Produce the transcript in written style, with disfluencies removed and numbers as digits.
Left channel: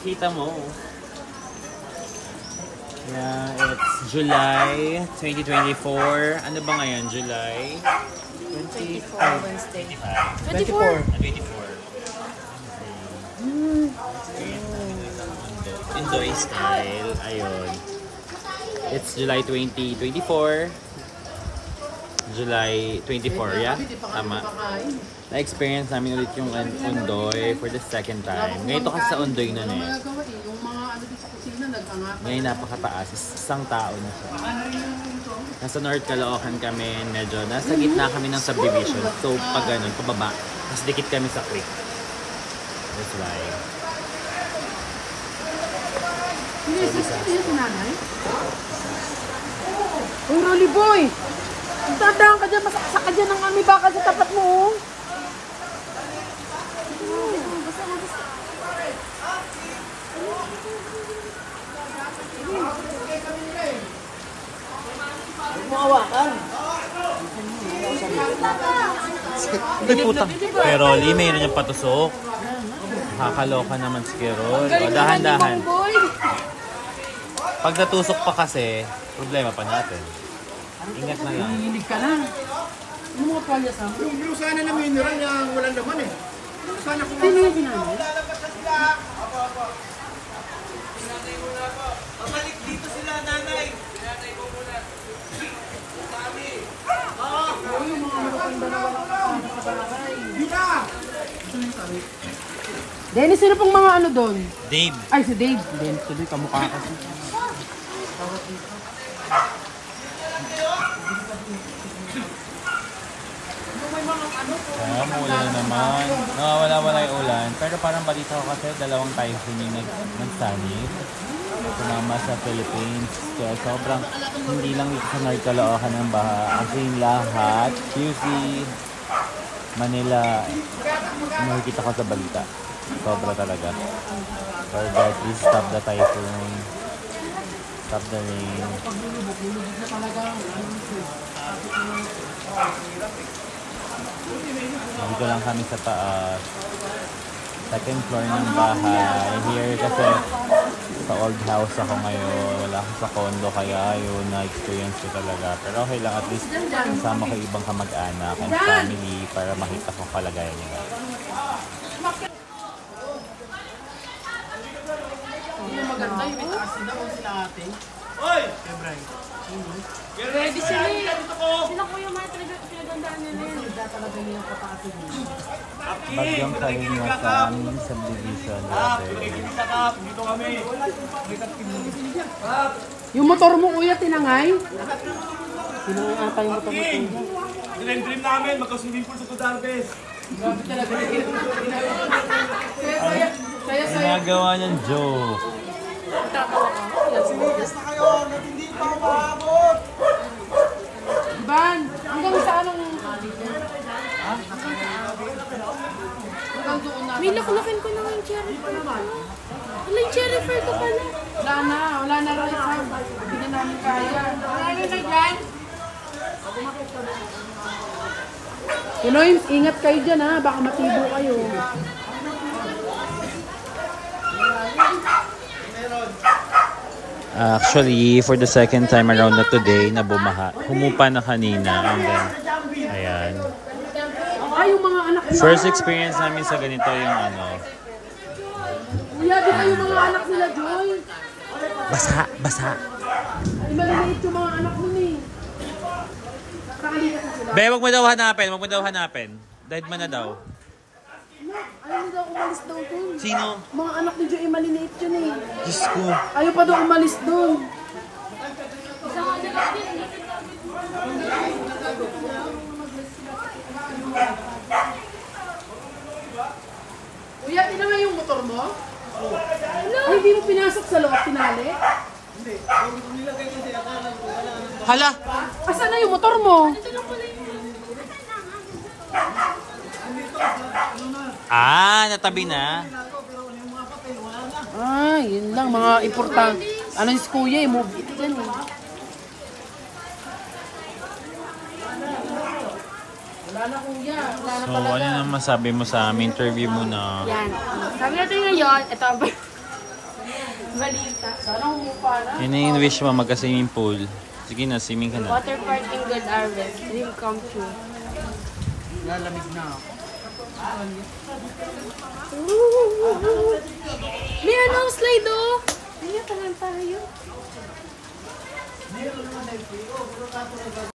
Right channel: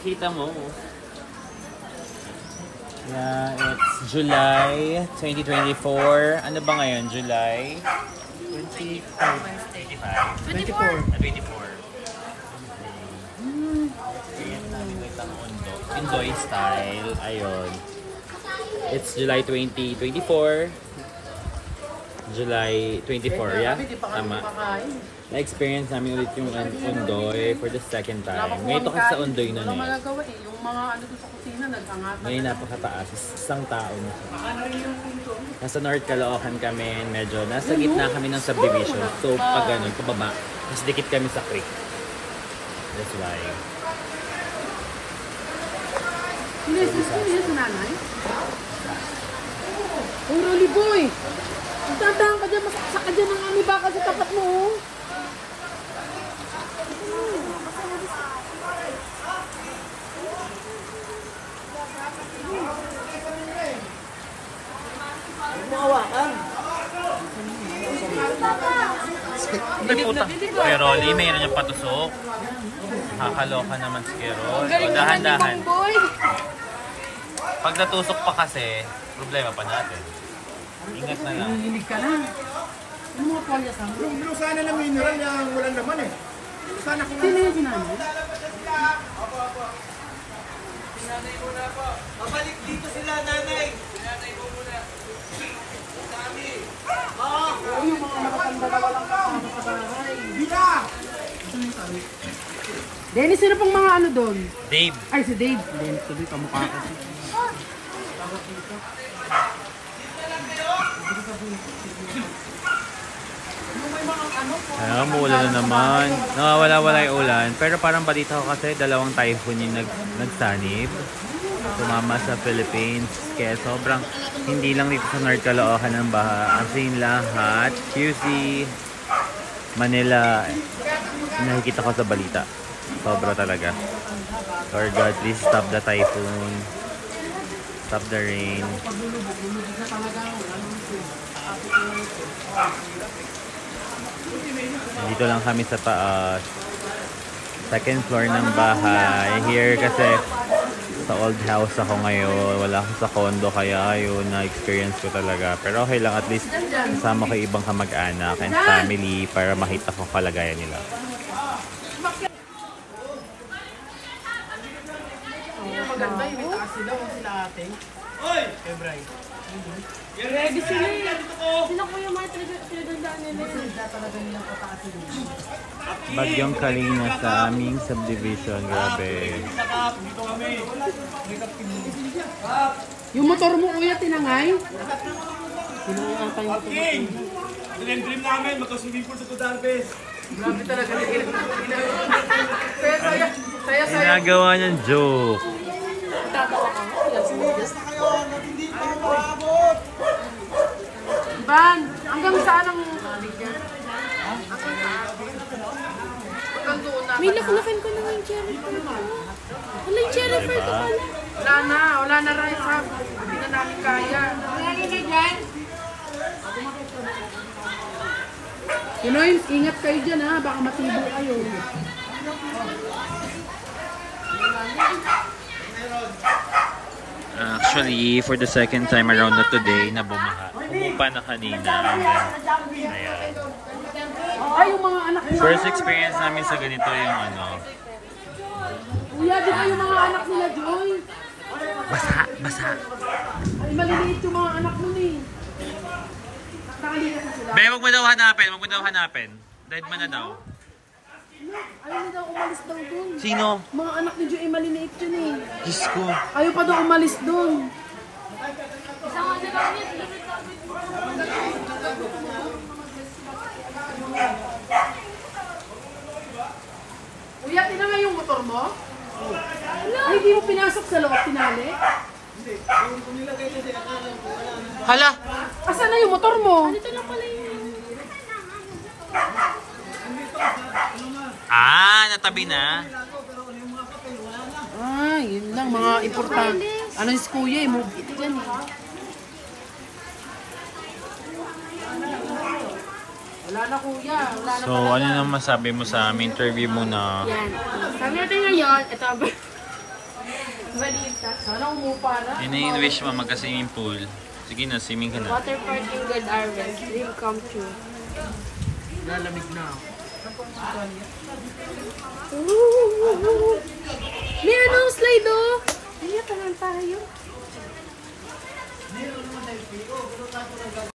Pakita mo. Yeah, it's July 2024. Ano ba ngayon? July 24. Indoy style. Ayun. It's July 2024. July 24, yeah? Tama. Na-experience namin ulit yung Undoy for the second time. Ngayon ito kasi sa Undoy nun eh. Yung mga ano sa kusina, nag-angatan. Ngayon napakataas. Isang tao na siya. Nasa North Caloocan kami. Medyo nasa gitna kami ng subdivision. So pag ganun, pababa. Mas dikit kami sa creek. That's why. Hindi si nanay? Oh, Rolly boy! Tandaan ka dyan, masaksak ka dyan ng ami baka sa tapat mo. Mawakan. Pero Rolly, mayroon niyang patusok. Nakakaloka naman si Rolly. Dahan-dahan. Pag natusok pa kasi, problema pa natin. Ingat na yan. Nanginig ka na. Ano mga palya sa amin? Yung sana na mineral niya walang laman eh. Sana kung... Sino yung sinanay? Apa. Sinanay muna po. Pabalik dito sila, nanay. Sinanay mo muna. Sabi. Oo, yung mga nakatanda na walang nakatalahay. Dita! Dennis, sino pang mga ano doon? Dave. Ay, si Dave. Dennis, tuloy kamukha kasi. Umuulan na naman. Nawawala-wala yung ulan. Pero parang balita ko kasi dalawang typhoon yung nagsanib. Sumama sa Philippines. Kaya sobrang hindi lang dito sa North Caloocan ng baha. As in lahat. QC, Manila. Nakikita ko sa balita. Sobra talaga. Lord God, please stop the typhoon. Stop the rain. Dito lang kami sa taas. Second floor ng bahay. Here kasi sa old house ako ngayon. Wala ako sa condo kaya yun na-experience ko talaga. Pero okay lang, at least kasama ko ibang kamag-anak and family para makita ko kalagayan nila. Maganda yung itaas sila o sila ate. Hoy! February. Ready sila dito ko! Sino ko yung mga pinagandaan nila? Hindi talaga nilang pataas sila. Bagyong Kalinga sa aming subdivision. Grabe. Dito kami. Yung motor mo kuya, tinangay? Tinangay ata yung motor mo. Dream namin, magka-swimming pool sa Tudarbes. Grabe talaga nila. Saya. Ginagawa niyang joke. Sinigas na kayo, hindi pa maabot. Iban, hanggang saan ang alig yan? Hanggang doon na. May laklakin ko na yung cherry fruit ko. Wala yung cherry fruit ko pala. Wala na rin ha. Hindi na namin kaya. Wala na dyan. Pinoy, ingat kayo dyan ha. Baka matibo kayo. Actually, for the second time around na today, na bumaha. Humupa na kanina. Ayan. Ay, yung mga anak nila. First experience namin sa ganito yung ano. Kuya, di ba yung mga anak nila, Joy? Basa. Ay, maliliit yung mga anak mo eh. Nakalikas na sila. Be, wag mo daw hanapin. Dead man na daw. Ayaw daw umalis daw dun. Sino? Mga anak ni Joy, maliliit yun eh. Diyos ko. Ayaw pa daw umalis dun. Kuya, ina nga yung motor mo? Ay, hindi mo pinasok sa loob, tinali? Hindi, kung nilagay kasi akala ko wala na. Hala! Asan na yung motor mo? Natabi na. Ay, yun lang, mga importante. Ano si Kuya, mo? Wala na Kuya. So, ano nang masabi mo sa aming interview mo na? Yan. Sabi natin ngayon, ito Balita. Sana umupa na. Yun na yung wish mo, magka-swimming pool. Sige na, swimming ka na. Water park in Good Harvest. Dream come true. Lalamig na. May ano, slide oh! Hindi, taman tayo.